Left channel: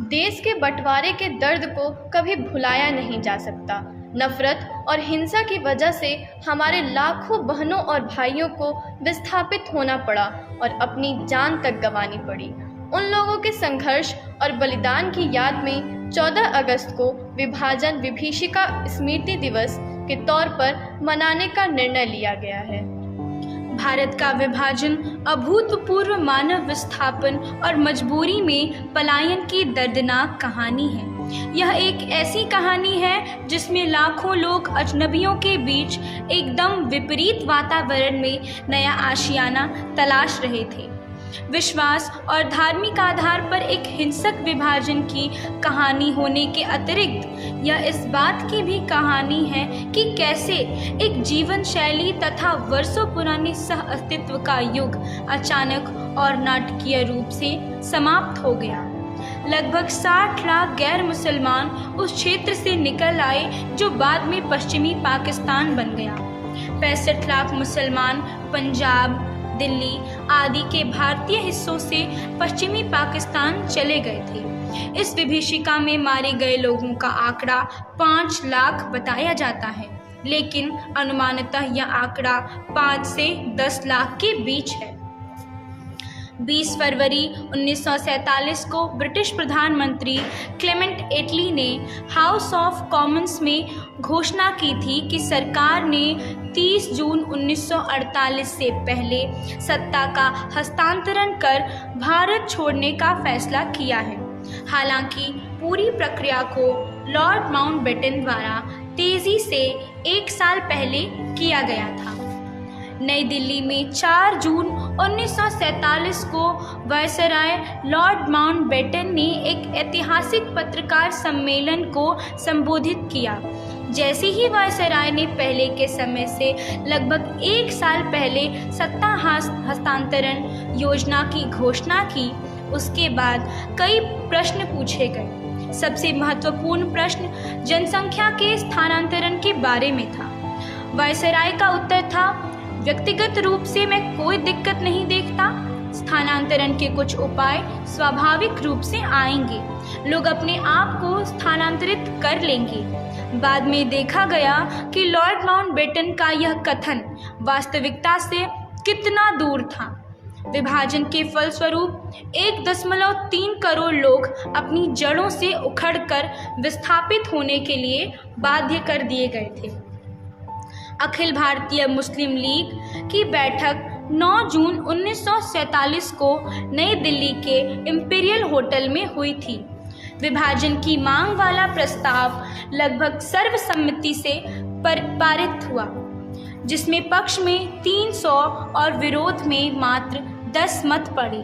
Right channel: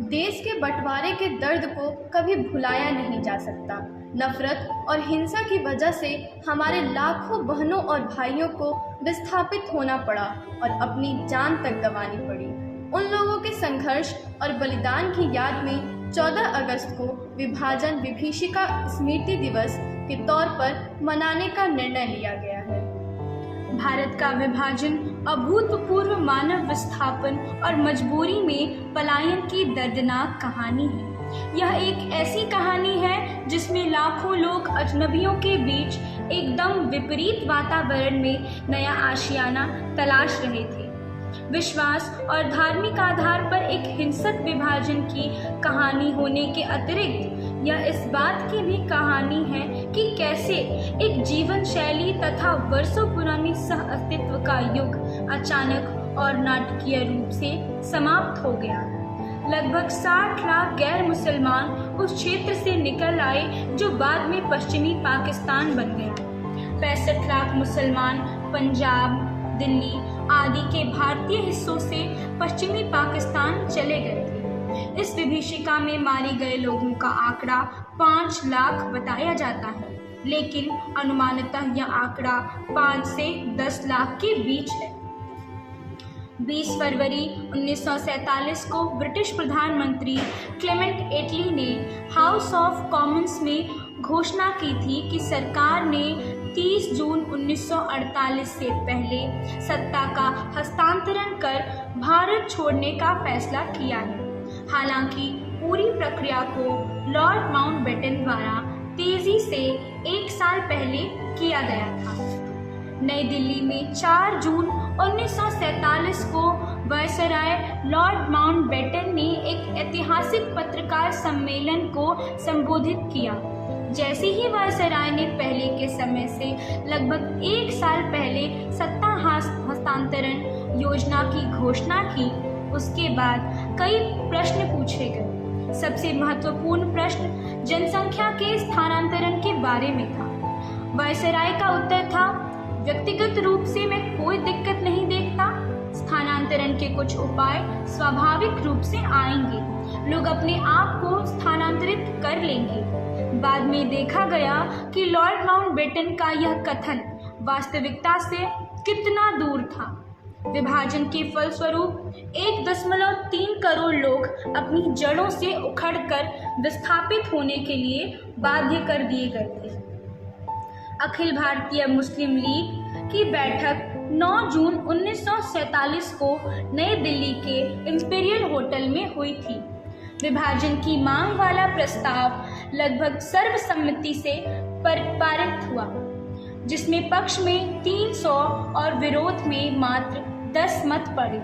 देश के बंटवारे के दर्द को कभी भुलाया नहीं जा सकता। नफरत और हिंसा की वजह से हमारे लाखों बहनों और भाइयों को विस्थापित होना पड़ा और अपनी जान तक गंवानी पड़ी। उन लोगों के संघर्ष और बलिदान की याद में 14 अगस्त को विभाजन विभीषिका स्मृति दिवस के तौर पर मनाने का निर्णय लिया गया है। भारत का विभाजन अभूतपूर्व मानव विस्थापन और मजबूरी में पलायन की दर्दनाक कहानी है। यह एक ऐसी कहानी है जिसमें लाखों लोग अजनबियों के बीच एकदम विपरीत वातावरण में नया आशियाना तलाश रहे थे। विश्वास और धार्मिक आधार पर एक हिंसक विभाजन की कहानी होने के अतिरिक्त यह इस बात की भी कहानी है कि कैसे एक जीवन शैली तथा वर्षों पुराने सह अस्तित्व का युग अचानक और नाटकीय रूप से समाप्त हो गया। लगभग 60 लाख गैर मुसलमान उस क्षेत्र से निकल आए जो बाद में पश्चिमी पाकिस्तान बन गया। 65 लाख मुसलमान पंजाब, दिल्ली आदि के भारतीय हिस्सों से पश्चिमी पाकिस्तान चले गए थे। इस विभीषिका में मारे गए लोगों का आंकड़ा 5 लाख बताया जाता है, लेकिन अनुमानतः यह आंकड़ा 5 से 10 लाख के बीच है। 20 फरवरी 1947 को ब्रिटिश प्रधानमंत्री क्लेमेंट एटली ने हाउस ऑफ कॉमन्स में घोषणा की थी कि सरकार ने 30 जून 1948 से पहले सत्ता का हस्तांतरण कर भारत छोड़ने का फैसला किया है। हालांकि पूरी प्रक्रिया को लॉर्ड माउंटबेटन द्वारा तेजी से 1 साल पहले किया गया था। नई दिल्ली में 4 जून 1947 को वायसराय लॉर्ड माउंटबेटन ने एक ऐतिहासिक पत्रकार सम्मेलन को संबोधित किया। जैसे ही वायसराय ने पहले के समय से लगभग 1 साल पहले सत्ता हस्तांतरण योजना की घोषणा की, उसके बाद कई प्रश्न पूछे गए। सबसे महत्वपूर्ण प्रश्न जनसंख्या के स्थानांतरण के बारे में था। वायसराय का उत्तर था, व्यक्तिगत रूप से मैं कोई दिक्कत नहीं देखता। स्थानांतरण के कुछ उपाय स्वाभाविक रूप से आएंगे, लोग अपने आप को स्थानांतरित कर लेंगे। बाद में देखा गया कि लॉर्ड माउंटबेटन का यह कथन वास्तविकता से कितना दूर था। विभाजन के फलस्वरूप 1.3 करोड़ लोग अपनी जड़ों से उखड़कर विस्थापित होने के लिए बाध्य कर दिए गए थे। अखिल भारतीय मुस्लिम लीग की बैठक 9 जून 1947 को नई दिल्ली के इंपीरियल होटल में हुई थी। विभाजन की मांग वाला प्रस्ताव लगभग सर्वसम्मति से पारित हुआ, जिसमें पक्ष में 300 और विरोध में मात्र 10 मत पड़े।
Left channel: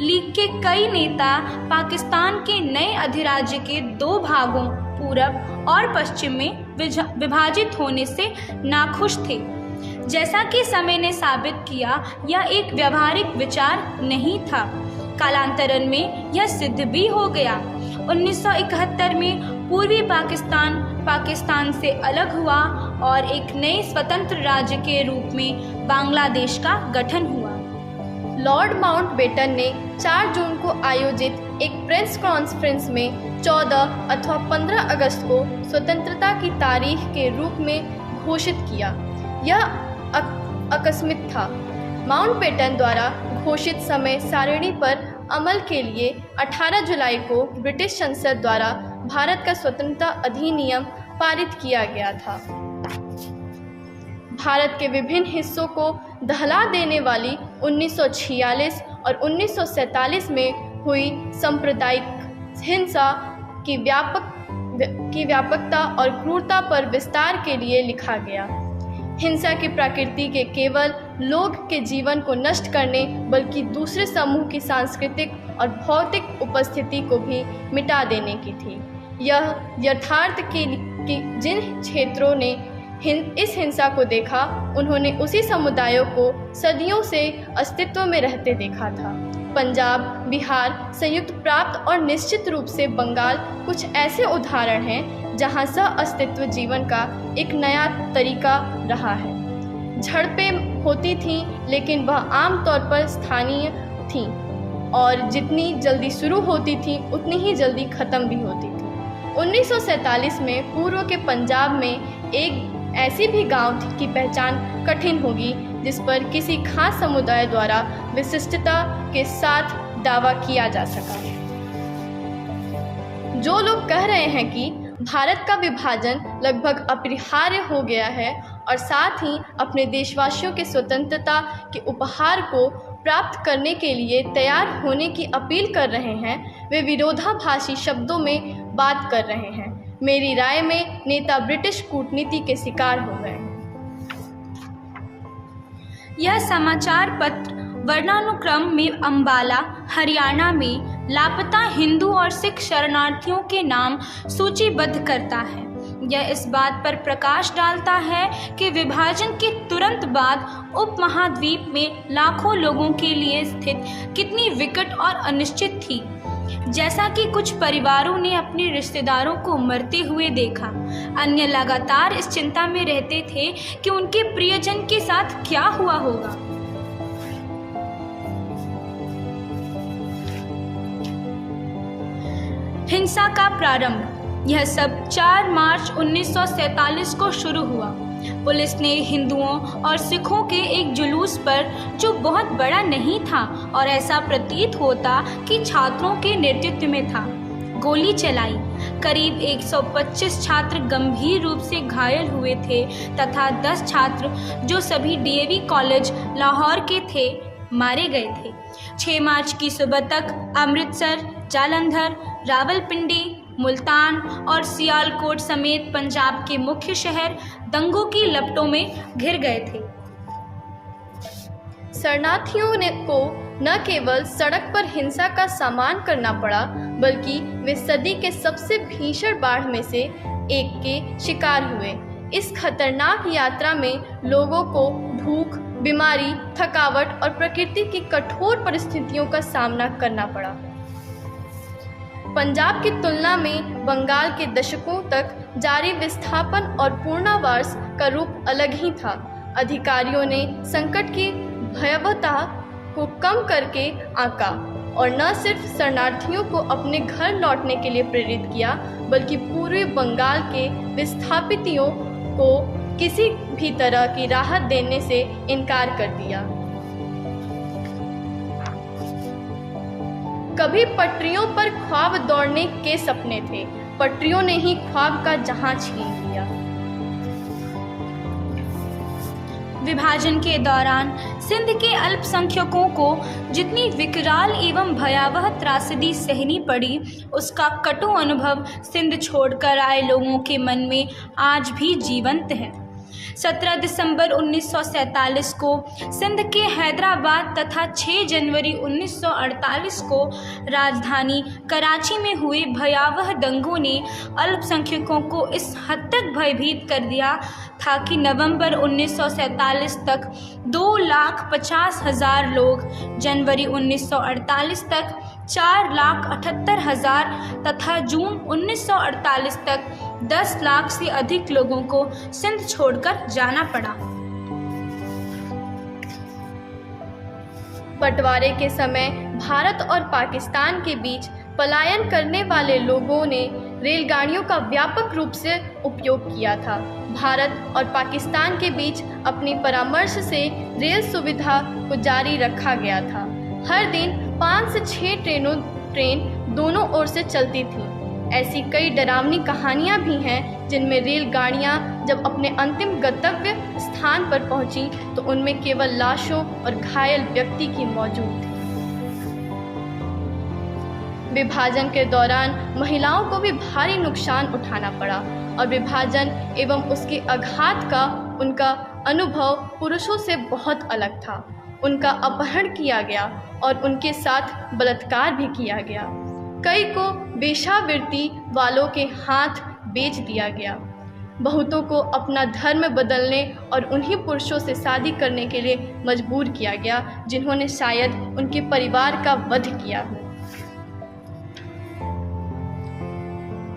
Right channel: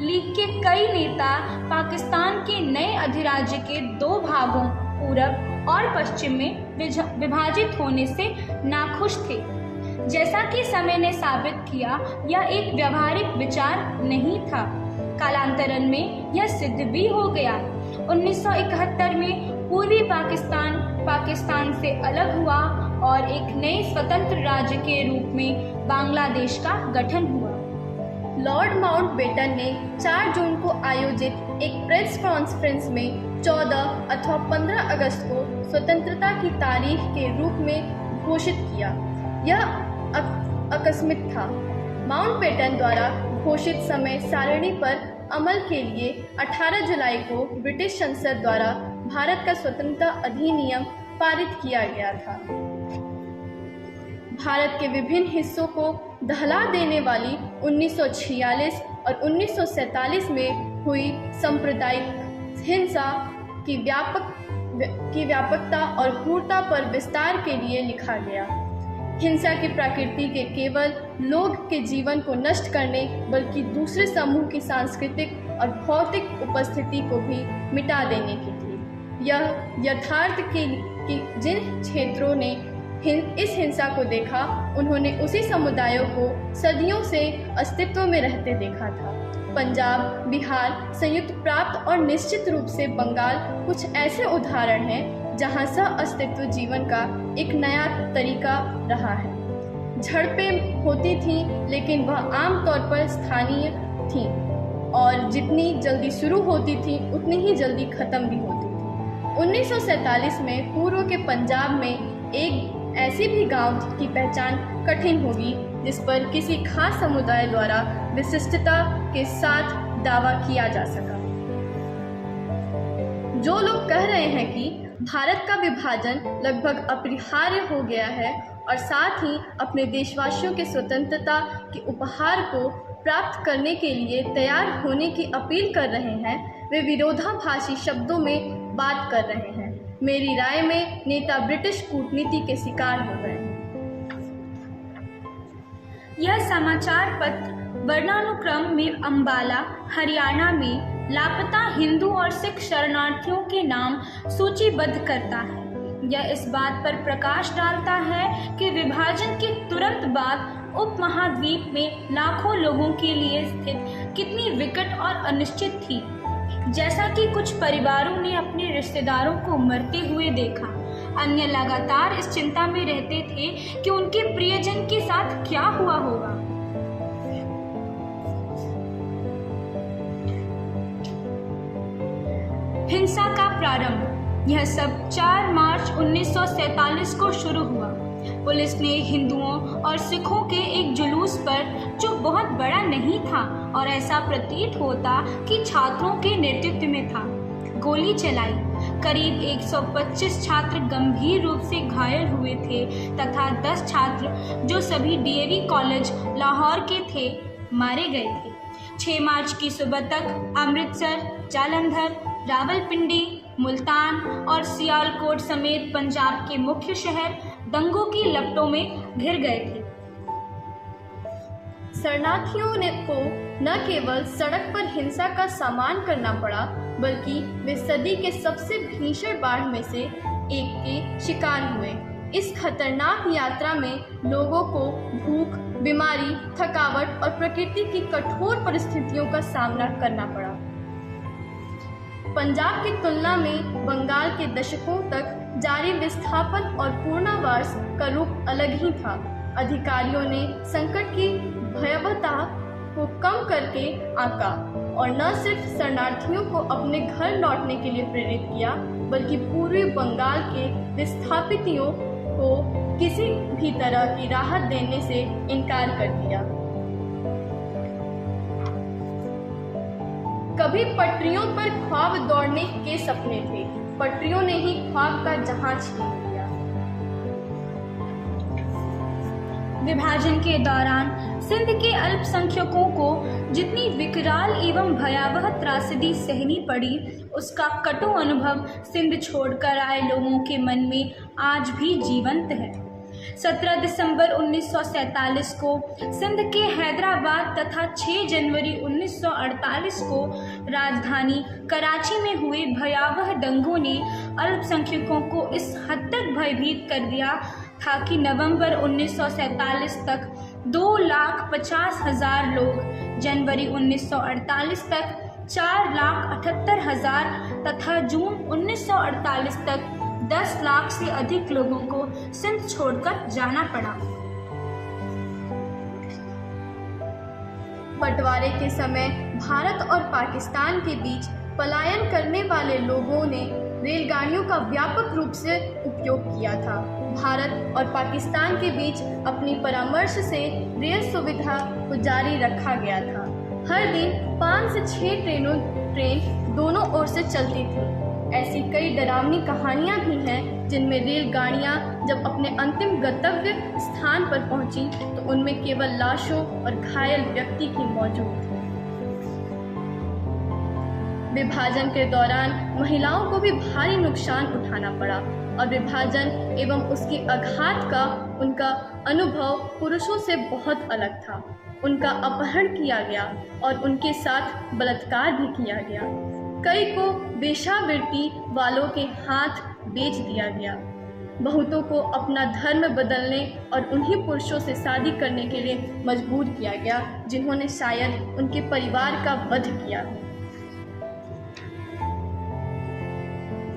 लीग के कई नेता पाकिस्तान के नए अधिराज्य के 2 भागों पूरब और पश्चिम में विभाजित होने से नाखुश थे। जैसा कि समय ने साबित किया, यह एक व्यवहारिक विचार नहीं था। कालांतरण में यह सिद्ध भी हो गया। 1971 में पूर्वी पाकिस्तान से अलग हुआ और एक नए स्वतंत्र राज्य के रूप में बांग्लादेश का गठन हुआ। लॉर्ड माउंटबेटन ने 4 जून को आयोजित एक प्रेस कॉन्फ्रेंस में 14 अथवा 15 अगस्त को स्वतंत्रता की तारीख के रूप में घोषित किया। यह आकस्मिक था। माउंटबेटन द्वारा घोषित समय सारणी पर अमल के लिए 18 जुलाई को ब्रिटिश संसद द्वारा भारत का स्वतंत्रता अधिनियम पारित किया गया था। भारत के विभिन्न हिस्सों को दहला देने वाली 1946 और 1947 में हुई सांप्रदायिक हिंसा की व्यापकता और क्रूरता पर विस्तार के लिए लिखा गया। हिंसा की प्रकृति के केवल लोग के जीवन को नष्ट करने बल्कि दूसरे समूह की सांस्कृतिक और भौतिक उपस्थिति को भी मिटा देने की थी। यह यथार्थ कि जिन क्षेत्रों ने इस हिंसा को देखा, उन्होंने उसी समुदायों को सदियों से अस्तित्व में रहते देखा था। पंजाब, बिहार, संयुक्त प्राप्त और निश्चित रूप से बंगाल कुछ ऐसे उदाहरण हैं जहां सह अस्तित्व जीवन का एक नया तरीका रहा है। झड़पें होती थीं, लेकिन वह आमतौर पर स्थानीय थीं और जितनी जल्दी शुरू होती थी उतनी ही जल्दी ख़त्म भी होती थी। 1947 में पूर्व के पंजाब में एक ऐसी भी गांव की पहचान कठिन होगी जिस पर किसी खास समुदाय द्वारा विशिष्टता के साथ दावा किया जा सका। जो लोग कह रहे हैं कि भारत का विभाजन लगभग अपरिहार्य हो गया है और साथ ही अपने देशवासियों के स्वतंत्रता के उपहार को प्राप्त करने के लिए तैयार होने की अपील कर रहे हैं, वे विरोधाभासी शब्दों में बात कर रहे हैं। मेरी राय में नेता ब्रिटिश कूटनीति के शिकार हो गए। यह समाचार पत्र वर्णानुक्रम में अंबाला, हरियाणा में लापता हिंदू और सिख शरणार्थियों के नाम सूचीबद्ध करता है। यह इस बात पर प्रकाश डालता है कि विभाजन के तुरंत बाद उपमहाद्वीप में लाखों लोगों के लिए स्थिति कितनी विकट और अनिश्चित थी। जैसा कि कुछ परिवारों ने अपने रिश्तेदारों को मरते हुए देखा, अन्य लगातार इस चिंता में रहते थे कि उनके प्रियजन के साथ क्या हुआ होगा। हिंसा का प्रारंभ। यह सब 4 मार्च 1947 को शुरू हुआ। पुलिस ने हिंदुओं और सिखों के एक जुलूस पर, जो बहुत बड़ा नहीं था और ऐसा प्रतीत होता कि छात्रों के नेतृत्व में था, गोली चलाई। करीब 125 छात्र गंभीर रूप से घायल हुए थे तथा 10 छात्र, जो सभी डीएवी कॉलेज लाहौर के थे, मारे गए थे। 6 मार्च की सुबह तक अमृतसर, जालंधर, रावलपिंडी, मुल्तान और सियालकोट समेत पंजाब के मुख्य शहर दंगों की लपटों में घिर गए थे। शरणार्थियों को न केवल सड़क पर हिंसा का सामना करना पड़ा, बल्कि वे सदी के सबसे भीषण बाढ़ में से एक के शिकार हुए। इस खतरनाक यात्रा में लोगों को भूख, बीमारी, थकावट और प्रकृति की कठोर परिस्थितियों का सामना करना पड़ा। पंजाब की तुलना में बंगाल के दशकों तक जारी विस्थापन और पुनर्वास का रूप अलग ही था। अधिकारियों ने संकट की भयावहता को कम करके आंका और न सिर्फ शरणार्थियों को अपने घर लौटने के लिए प्रेरित किया, बल्कि पूर्वी बंगाल के विस्थापितों को किसी भी तरह की राहत देने से इनकार कर दिया। कभी पटरियों पर ख्वाब दौड़ने के सपने थे, पटरियों ने ही ख्वाब का जहां छीन लिया। विभाजन के दौरान सिंध के अल्पसंख्यकों को जितनी विकराल एवं भयावह त्रासदी सहनी पड़ी, उसका कटु अनुभव सिंध छोड़कर आए लोगों के मन में आज भी जीवंत है। 17 दिसंबर 1947 को सिंध के हैदराबाद तथा 6 जनवरी 1948 को राजधानी कराची में हुए भयावह दंगों ने अल्पसंख्यकों को इस हद तक भयभीत कर दिया था कि नवंबर 1947 तक 2,50,000 लोग, जनवरी 1948 तक 4,78,000 तथा जून 1948 तक 10 लाख से अधिक लोगों को सिंध छोड़कर जाना पड़ा। बंटवारे के समय भारत और पाकिस्तान के बीच पलायन करने वाले लोगों ने रेलगाड़ियों का व्यापक रूप से उपयोग किया था। भारत और पाकिस्तान के बीच अपनी परामर्श से रेल सुविधा को जारी रखा गया था। हर दिन 5 से 6 ट्रेन दोनों ओर से चलती थी। ऐसी कई डरावनी कहानियां भी हैं जिनमें रेलगाड़ियां जब अपने अंतिम गंतव्य स्थान पर पहुंची तो उनमें केवल लाशों और घायल व्यक्ति की मौजूद थी। विभाजन के दौरान महिलाओं को भी भारी नुकसान उठाना पड़ा और विभाजन एवं उसके आघात का उनका अनुभव पुरुषों से बहुत अलग था। उनका अपहरण किया गया और उनके साथ बलात्कार भी किया गया। कई को वेश्यावृत्ति वालों के हाथ बेच दिया गया। बहुतों को अपना धर्म बदलने और उन्हीं पुरुषों से शादी करने के लिए मजबूर किया गया जिन्होंने शायद उनके परिवार का वध किया हो।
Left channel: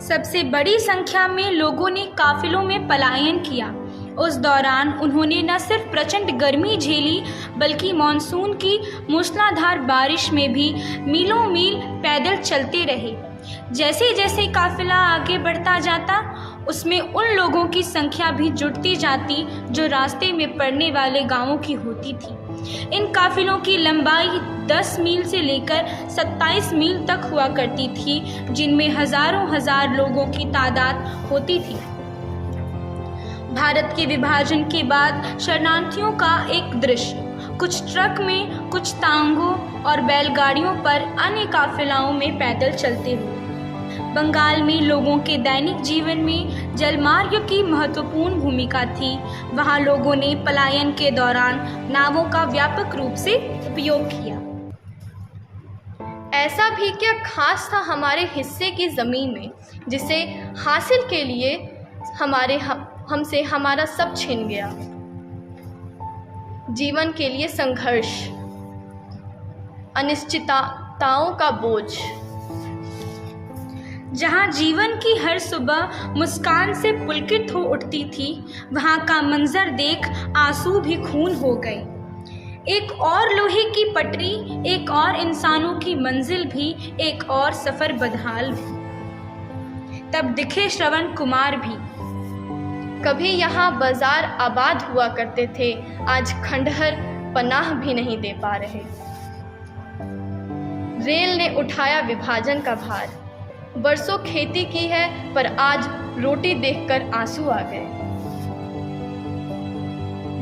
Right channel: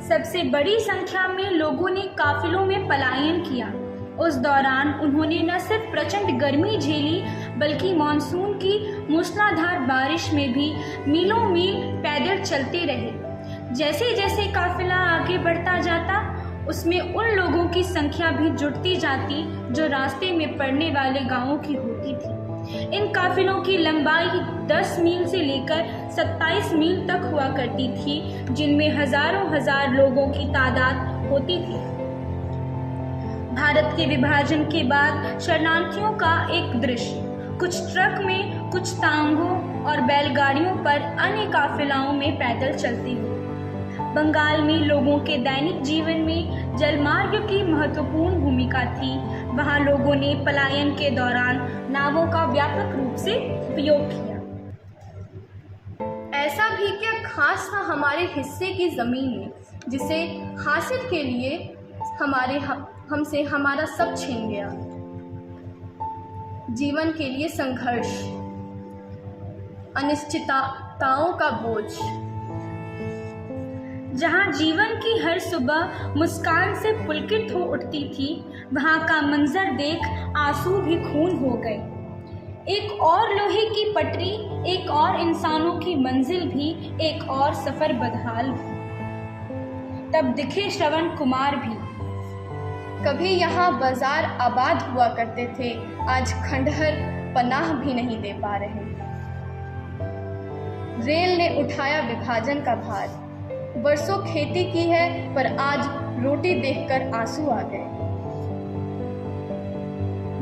सबसे बड़ी संख्या में लोगों ने काफिलों में पलायन किया। उस दौरान उन्होंने न सिर्फ प्रचंड गर्मी झेली बल्कि मानसून की मूसलाधार बारिश में भी मीलों मील पैदल चलते रहे। जैसे जैसे काफिला आगे बढ़ता जाता उसमें उन लोगों की संख्या भी जुटती जाती जो रास्ते में पड़ने वाले गांवों की होती थी। इन काफिलों की लंबाई 10 मील से लेकर 27 मील तक हुआ करती थी, जिनमें हजारों हजार लोगों की तादाद होती थी। भारत के विभाजन के बाद शरणार्थियों का एक दृश्य, कुछ ट्रक में, कुछ तांगों और बैलगाड़ियों पर, अन्य काफिलाओं में पैदल चलते हुए। बंगाल में लोगों के दैनिक जीवन में जलमार्ग की महत्वपूर्ण भूमिका थी। वहां लोगों ने पलायन के दौरान नावों का व्यापक रूप से उपयोग किया। ऐसा भी क्या खास था हमारे हिस्से की ज़मीन में जिसे हासिल के लिए हमसे हमारा सब छिन गया। जीवन के लिए संघर्ष, अनिश्चितताओं का बोझ। जहाँ जीवन की हर सुबह मुस्कान से पुलकित हो उठती थी, वहाँ का मंजर देख आंसू भी खून हो गए। एक और लोहे की पटरी, एक और इंसानों की मंजिल भी, एक और सफर बदहाल भी। तब दिखे श्रवण कुमार भी। कभी यहाँ बाजार आबाद हुआ करते थे, आज खंडहर पनाह भी नहीं दे पा रहे। रेल ने उठाया विभाजन का भार, बरसों खेती की है पर आज रोटी देखकर आंसू आ गए।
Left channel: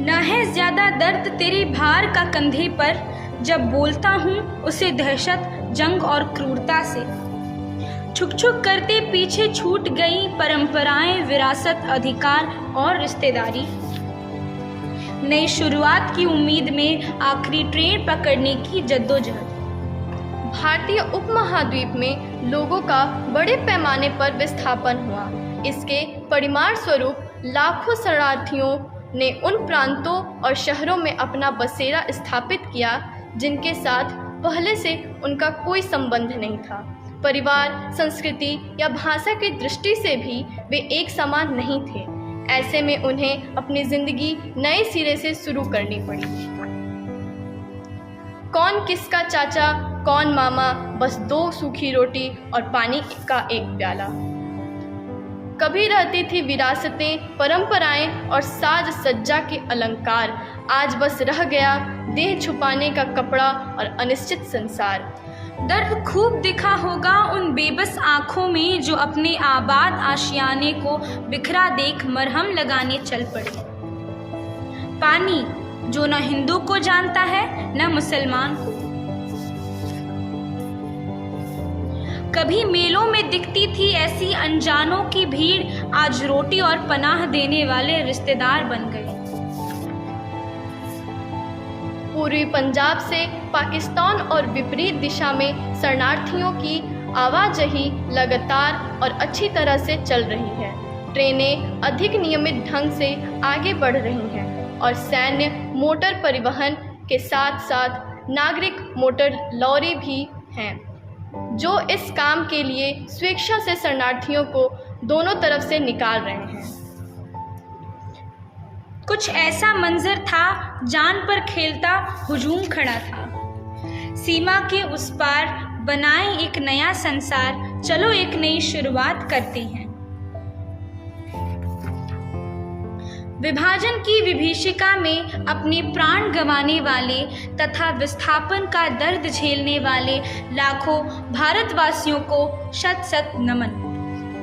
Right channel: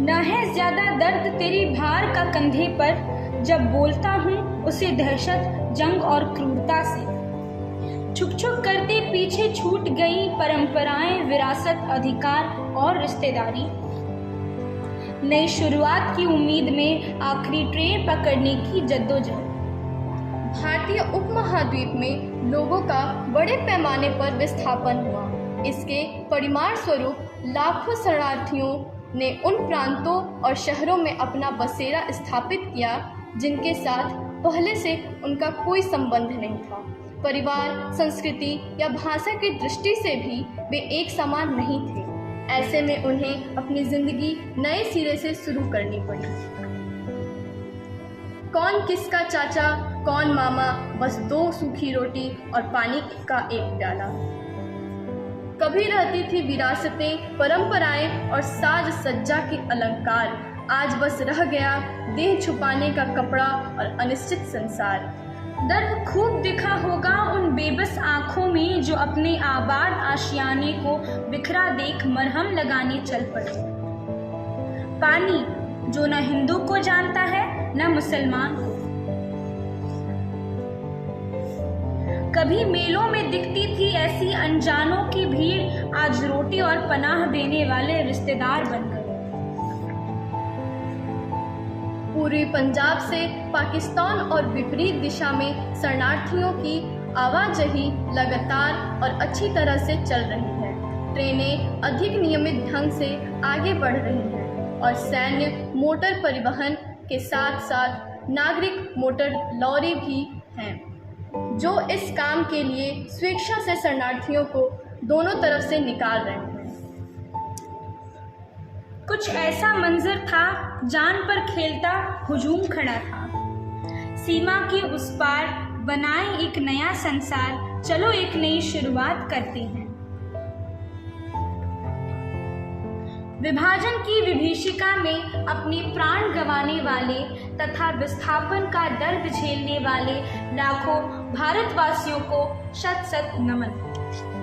न है ज्यादा दर्द तेरे भार का कंधे पर, जब बोलता हूँ उसे दहशत, जंग और क्रूरता से। छुक छुक करते पीछे छूट गई परंपराएं, विरासत, अधिकार और रिश्तेदारी। नई शुरुआत की उम्मीद में आखिरी ट्रेन पकड़ने की जद्दोजहद। भारतीय उपमहाद्वीप में लोगों का बड़े पैमाने पर विस्थापन हुआ। इसके परिणाम स्वरूप लाखों शरणार्थियों ने उन प्रांतों और शहरों में अपना बसेरा स्थापित किया जिनके साथ पहले से उनका कोई संबंध नहीं था। परिवार, संस्कृति या भाषा की दृष्टि से भी वे एक समान नहीं थे। ऐसे में उन्हें अपनी जिंदगी नए सिरे से शुरू करनी पड़ी। कौन किसका चाचा, कौन मामा, बस 2 सूखी रोटी और पानी का एक प्याला। कभी रहती थी विरासतें, परंपराएं और साज सज्जा के अलंकार, आज बस रह गया देह छुपाने का कपड़ा और अनिश्चित संसार। दर्द खूब दिखा होगा उन बेबस आंखों में जो अपने आबाद आशियाने को बिखरा देख मरहम लगाने चल पड़े। पानी जो न हिंदू को जानता है न मुसलमान को। कभी मेलों में दिखती थी ऐसी अनजानों की भीड़, आज रोटी और पनाह देने वाले रिश्तेदार बन गए। पूर्वी पंजाब से पाकिस्तान और विपरीत दिशा में शरणार्थियों की आवाजाही लगातार और अच्छी तरह से चल रही है। ट्रेनें अधिक नियमित ढंग से आगे बढ़ रही हैं और सैन्य मोटर परिवहन के साथ साथ नागरिक मोटर लॉरी भी हैं, जो इस काम के लिए स्वेच्छा से शरणार्थियों को दोनों तरफ से निकाल रहे हैं। कुछ ऐसा मंजर था, जान पर खेलता हुजूम खड़ा था। सीमा के उस पार बनाएं एक नया संसार, चलो एक नई शुरुआत करते हैं। विभाजन की विभीषिका में अपने प्राण गंवाने वाले तथा विस्थापन का दर्द झेलने वाले लाखों भारतवासियों को शत शत नमन।